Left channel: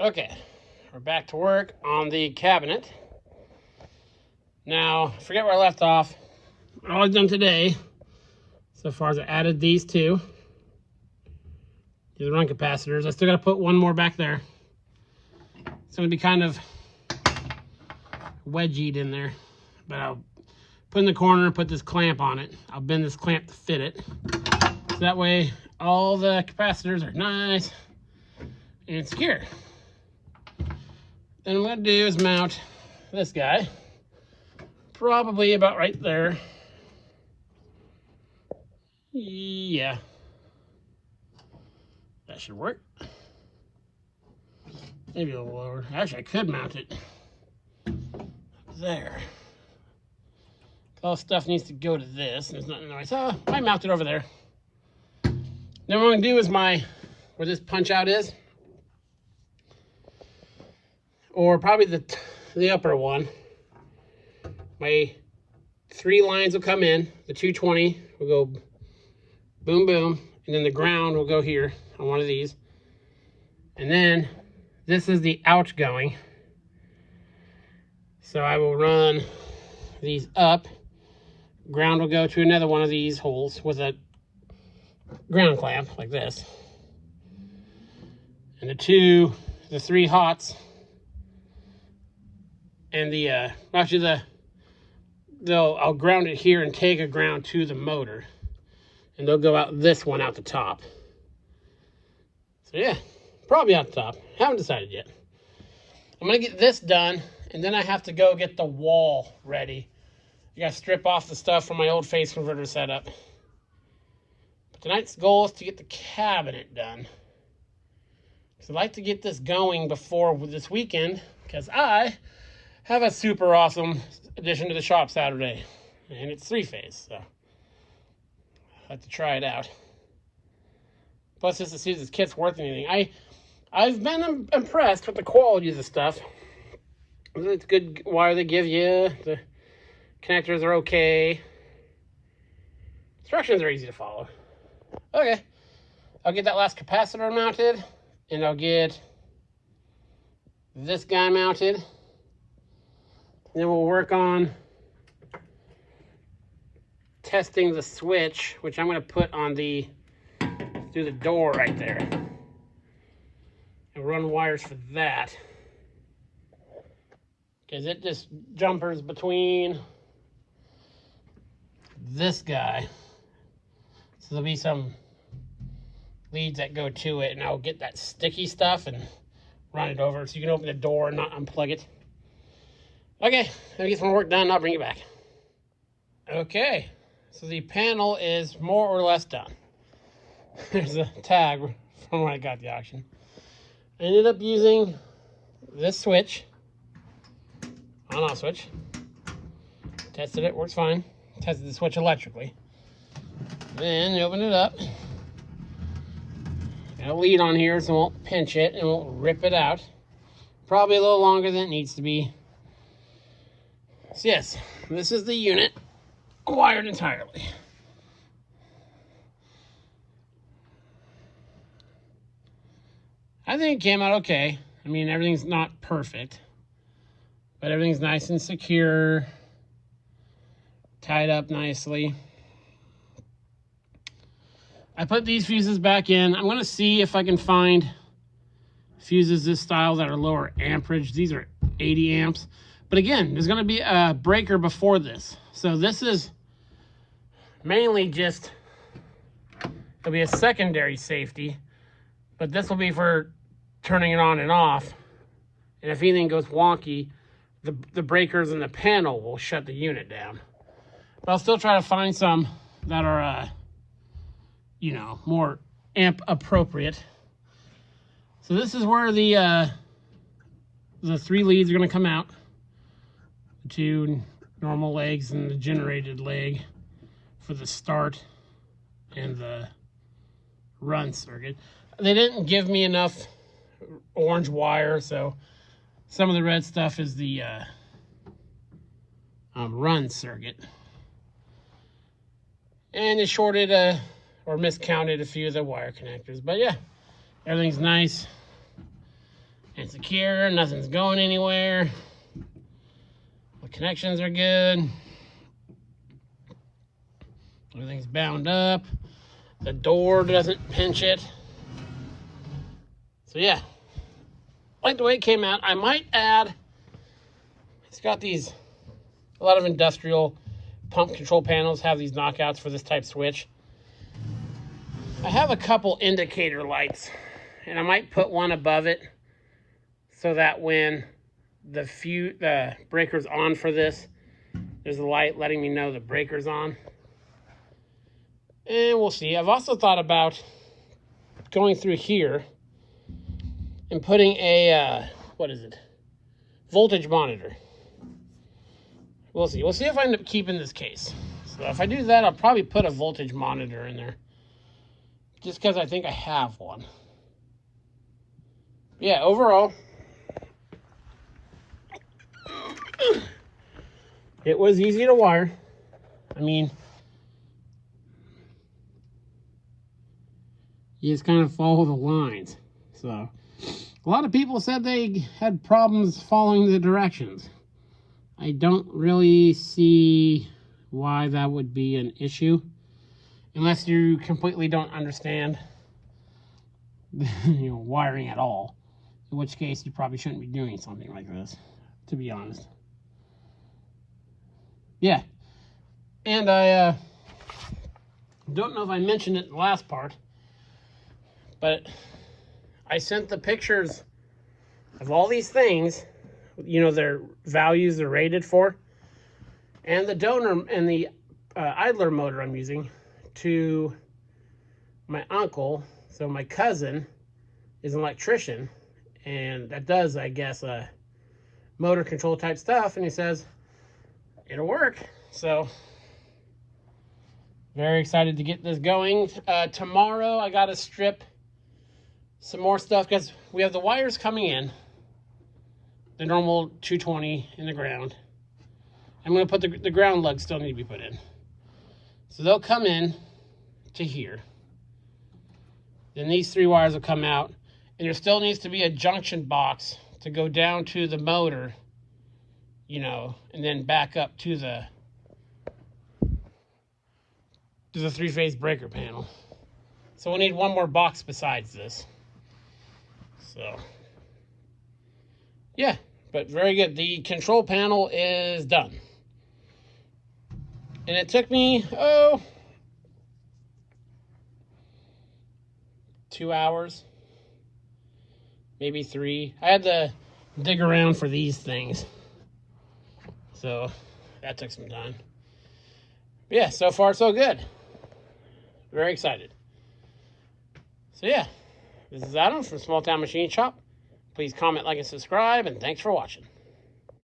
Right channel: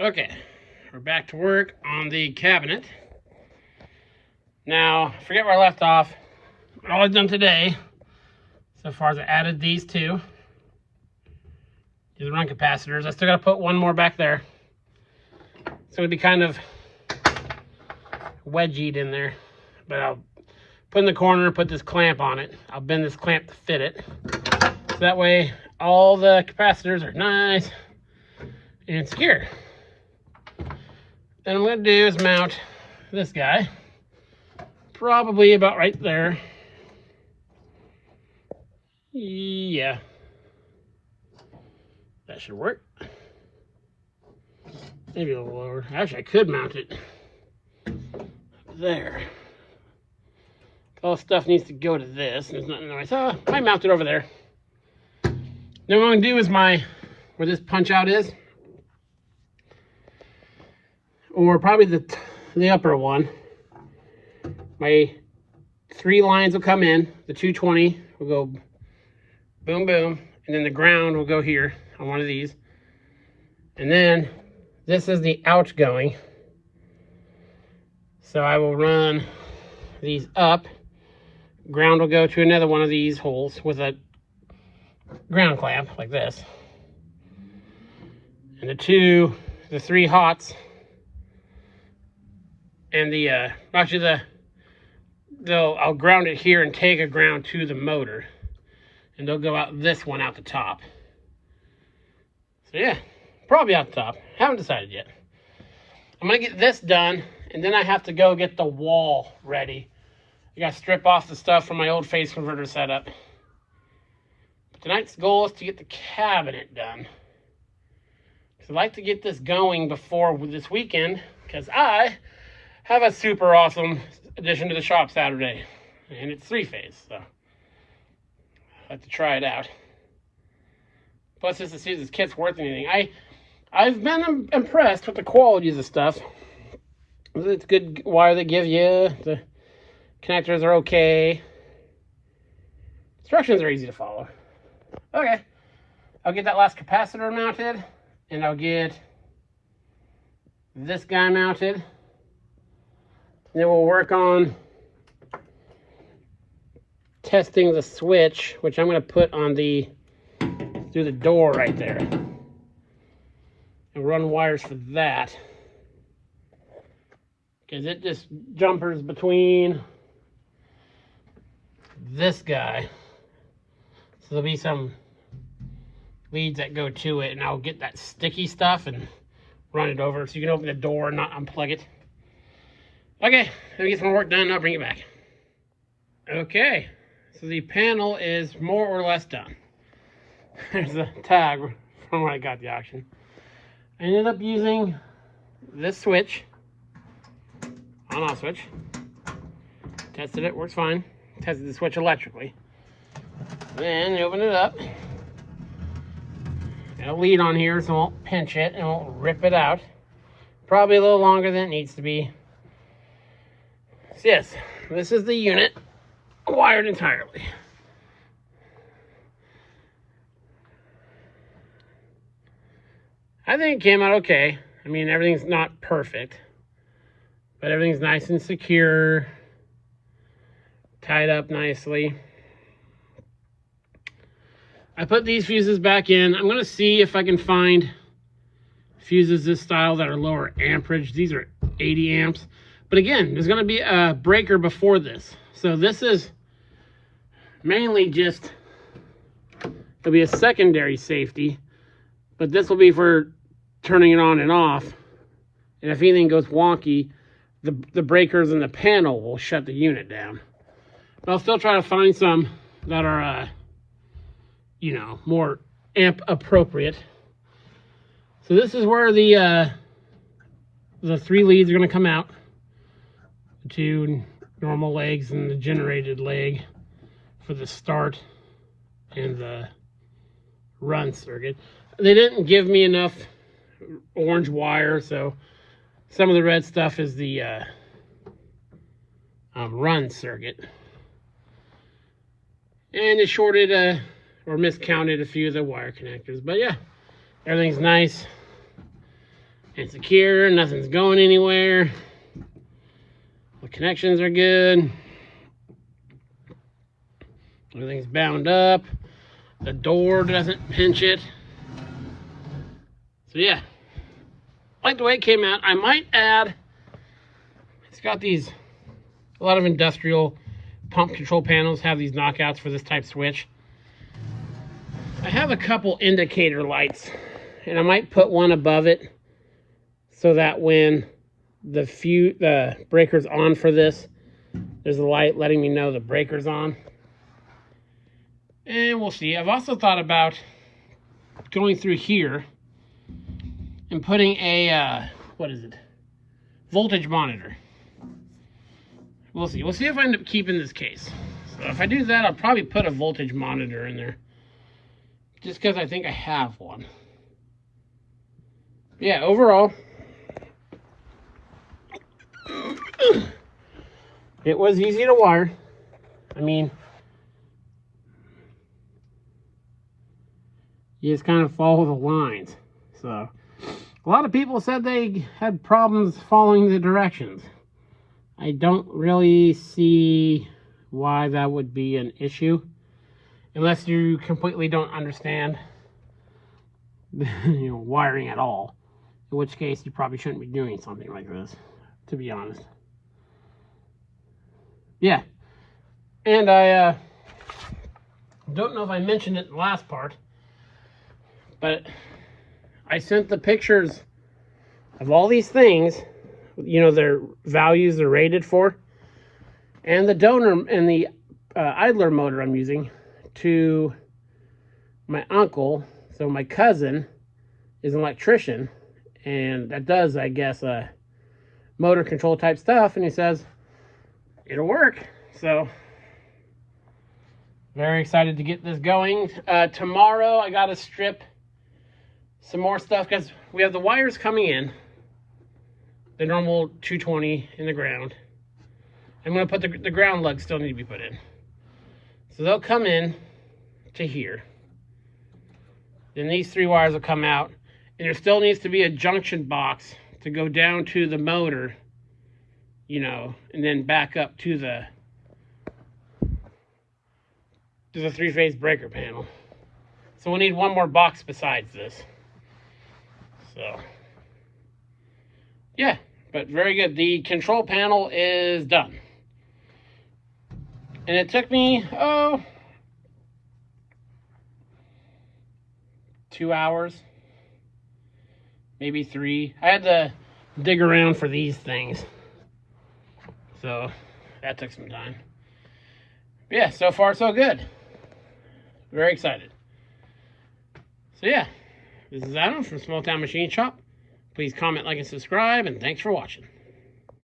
Okay, we're back to work on the cabinet. Now, forget where I left off. All I've done today, so far, is I added these two. These run capacitors. I still got to put one more back there. It's going to be kind of wedgied in there, but I'll put in the corner and put this clamp on it. I'll bend this clamp to fit it. So that way, all the capacitors are nice and secure. Then what I'm going to do is mount this guy, probably about right there. Yeah, that should work. Maybe a little lower. Actually, I could mount it there. All stuff needs to go to this. There's nothing nice. I mount it over there. Then what I'm going to do is where this punch out is, or probably the upper one, my 3 lines will come in. The 220 will go boom, boom, and then the ground will go here on one of these. And then this is the outgoing. So I will run these up. Ground will go to another one of these holes with a ground clamp like this. And the 3 hots, and I'll ground it here and take a ground to the motor, and they'll go out this one out the top. So yeah, probably out the top. Haven't decided yet. I'm gonna get this done, and then I have to go get the wall ready. I gotta strip off the stuff from my old phase converter setup. But tonight's goal is to get the cabinet done. So I'd like to get this going before this weekend, because I have a super awesome addition to the shop Saturday, and it's 3-phase, so I have to try it out. Plus, just to see if this kit's worth anything. I've been impressed with the quality of the stuff. It's good wire they give you. The connectors are okay. Instructions are easy to follow. Okay, I'll get that last capacitor mounted, and I'll get this guy mounted. Then we'll work on testing the switch, which I'm going to put on through the door right there, and run wires for that, because it just jumpers between this guy. So there'll be some leads that go to it, and I'll get that sticky stuff and run it over so you can open the door and not unplug it. Okay, let me get some work done and I'll bring it back. Okay, so the panel is more or less done. There's a tag from when I got the auction. I ended up using this switch, on-off switch. Tested it, works fine. Tested the switch electrically. Then you open it up. Got a lead on here so it won't pinch it and won't rip it out. Probably a little longer than it needs to be. So yes, this is the unit, wired entirely. I think it came out okay. I mean, everything's not perfect, but everything's nice and secure, tied up nicely. I put these fuses back in. I'm gonna see if I can find fuses this style that are lower amperage. These are 80 amps. But again, there's going to be a breaker before this. So this is mainly just, it'll be a secondary safety, but this will be for turning it on and off. And if anything goes wonky, the breakers in the panel will shut the unit down. But I'll still try to find some that are, more amp appropriate. So this is where the 3 leads are going to come out. 2 normal legs and the generated leg for the start and the run circuit. They didn't give me enough orange wire, so some of the red stuff is the run circuit. And they shorted or miscounted a few of the wire connectors. But yeah, everything's nice It's secure, nothing's going anywhere. The connections are good. Everything's bound up. The door doesn't pinch it. So yeah, I like the way it came out. I might add, it's got these, a lot of industrial pump control panels have these knockouts for this type switch. I have a couple indicator lights, and I might put one above it so that when the breaker's on for this, there's a light letting me know the breaker's on. And we'll see. I've also thought about going through here and putting a, voltage monitor. We'll see. We'll see if I end up keeping this case. So if I do that, I'll probably put a voltage monitor in there. Just because I think I have one. Yeah, overall, it was easy to wire. I mean, you just kind of follow the lines. So, a lot of people said they had problems following the directions. I don't really see why that would be an issue, unless you completely don't understand wiring at all. In which case, you probably shouldn't be doing something like this, to be honest. Yeah. And I don't know if I mentioned it in the last part, but I sent the pictures of all these things, their values they're rated for, and the donor and the idler motor I'm using to my uncle. So my cousin is an electrician, and that does, I guess, motor control type stuff, and he says it'll work. So very excited to get this going. Tomorrow I gotta strip some more stuff because we have the wires coming in, the normal 220 in the ground. I'm going to put the ground lugs still need to be put in. So they'll come in to here. Then these 3 wires will come out, and there still needs to be a junction box to go down to the motor, and then back up to the 3-phase breaker panel. So we need one more box besides this. So, yeah, but very good. The control panel is done. And it took me, 2 hours, maybe 3. I had to dig around for these things. So, that took some time. But yeah, so far so good. Very excited. So yeah. This is Adam from Small Town Machine Shop. Please comment, like, and subscribe, and thanks for watching.